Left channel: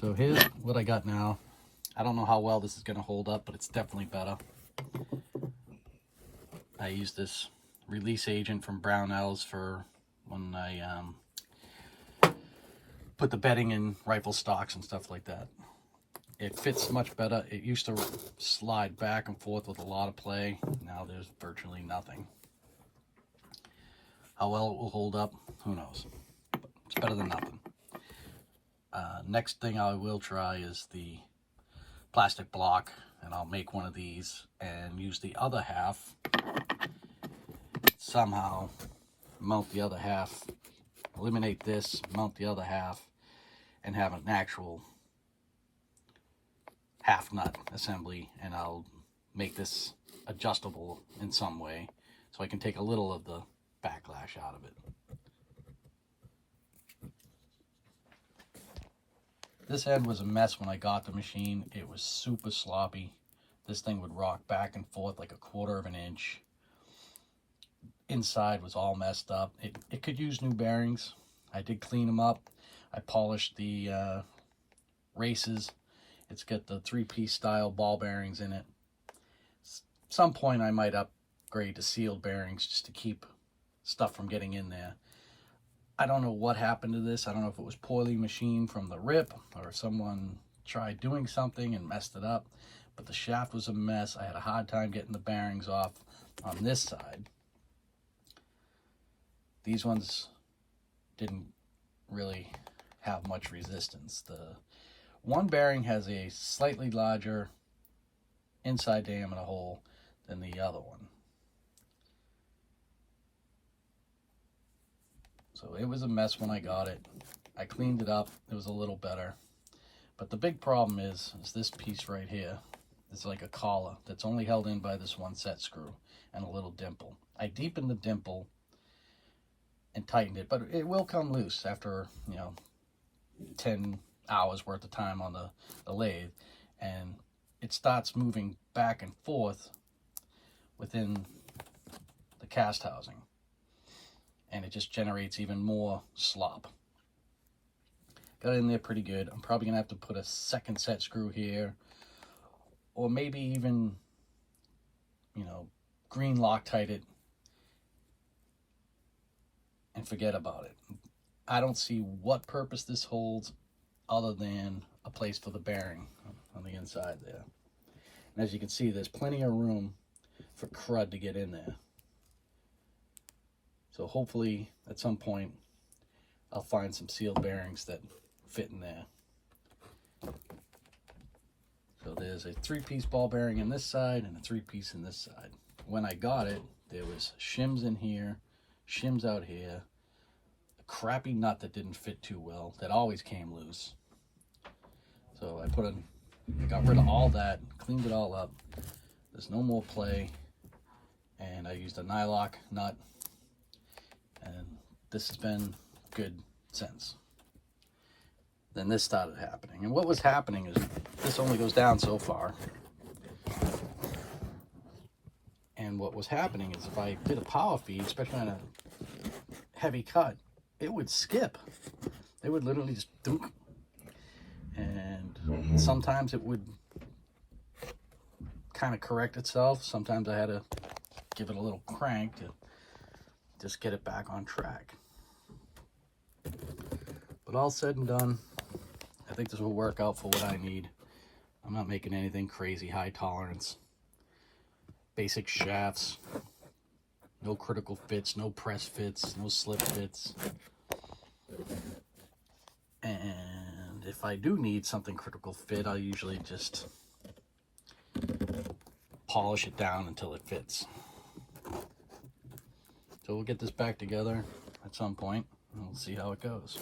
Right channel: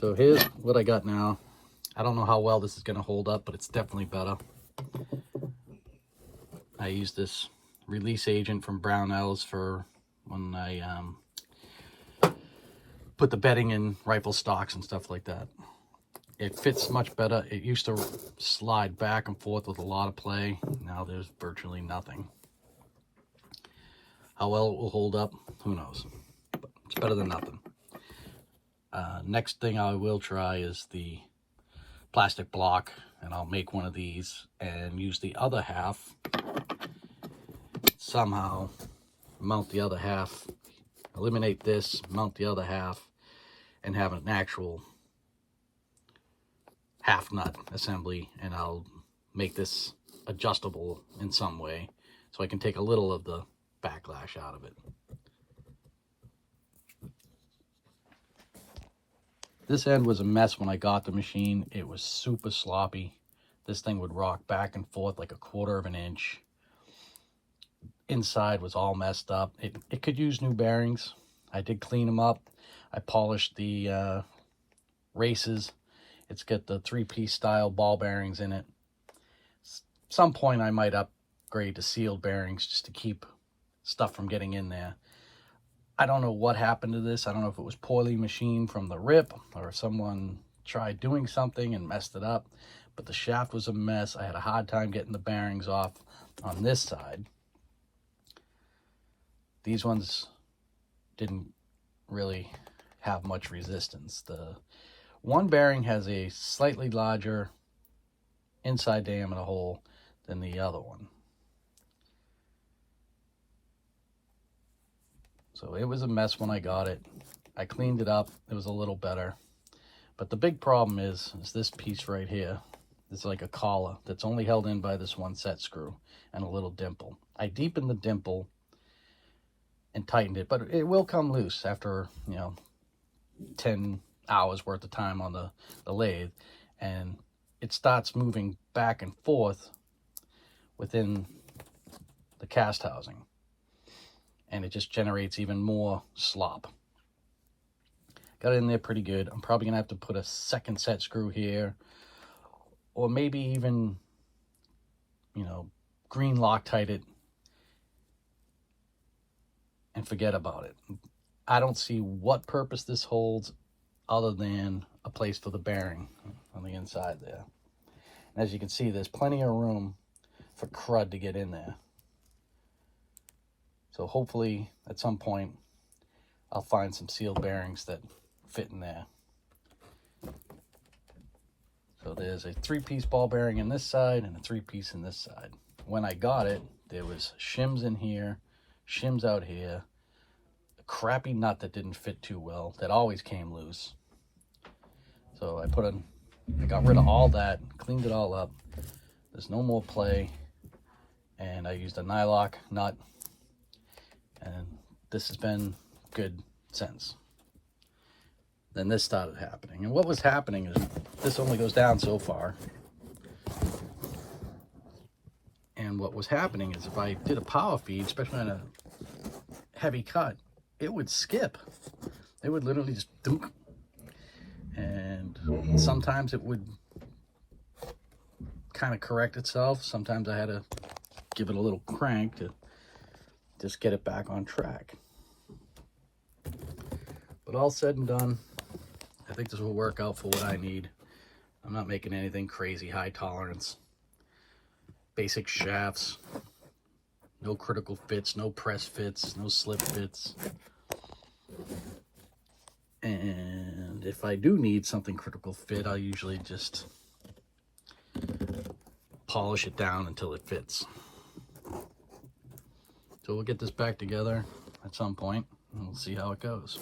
So here's what I got now. I don't know how well this is going to hold up, but it's definitely better. I use this release agent from Brownells for when I put the bedding in rifle stocks and stuff like that. It fits much better. It used to slide back and forth with a lot of play. Now there's virtually nothing. How well it will hold up, who knows. But it's better than nothing. Next thing I will try is the plastic block, and I'll make one of these and use the other half. Somehow mount the other half, eliminate this, mount the other half, and have an actual half nut assembly, and I'll make this adjustable in some way so I can take a little of the backlash out of it. This end was a mess when I got the machine. It was super sloppy. This thing would rock back and forth like 1/4 of an inch. Inside was all messed up. It could use new bearings. I did clean them up. I polished the races. It's got the 3-piece style ball bearings in it. Some point I might upgrade to sealed bearings just to keep stuff from getting in there. I don't know what happened to this. I don't know if it was poorly machined from the rip or someone tried doing something and messed it up, but the shaft was a mess. I had a hard time getting the bearings off on this side. These ones didn't really have much resistance. The one bearing has a slightly larger inside diameter hole than the other one. So it was a mess when I got it. I cleaned it up. It was a little better. But the big problem is this piece right here. It's like a collar that's only held in by this one set screw and a little dimple. I deepened the dimple and tightened it, but it will come loose after, 10 hours worth of time on the lathe, and it starts moving back and forth within the cast housing, and it just generates even more slop. Got it in there pretty good. I'm probably gonna have to put a second set screw here, or maybe even green Loctite it and forget about it. I don't see what purpose this holds other than a place for the bearing on the inside there. And as you can see, there's plenty of room for crud to get in there. So hopefully at some point I'll find some sealed bearings that fit in there. So there's a 3-piece ball bearing in this side and a 3-piece in this side. When I got it, there was shims in here, shims out here, a crappy nut that didn't fit too well, that always came loose. So I got rid of all that, cleaned it all up. There's no more play, and I used a nylock nut, and this has been good since. Then this started happening, and what was happening is this only goes down so far. And what was happening is if I did a power feed, especially on a heavy cut, it would skip. It would literally just dunk. And sometimes it would kind of correct itself. Sometimes I had to give it a little crank to just get it back on track. But all said and done, I think this will work out for what I need. I'm not making anything crazy high tolerance. Basic shafts, no critical fits, no press fits, no slip fits. And if I do need something critical fit, I'll usually just polish it down until it fits. So we'll get this back together at some point and we'll see how it goes.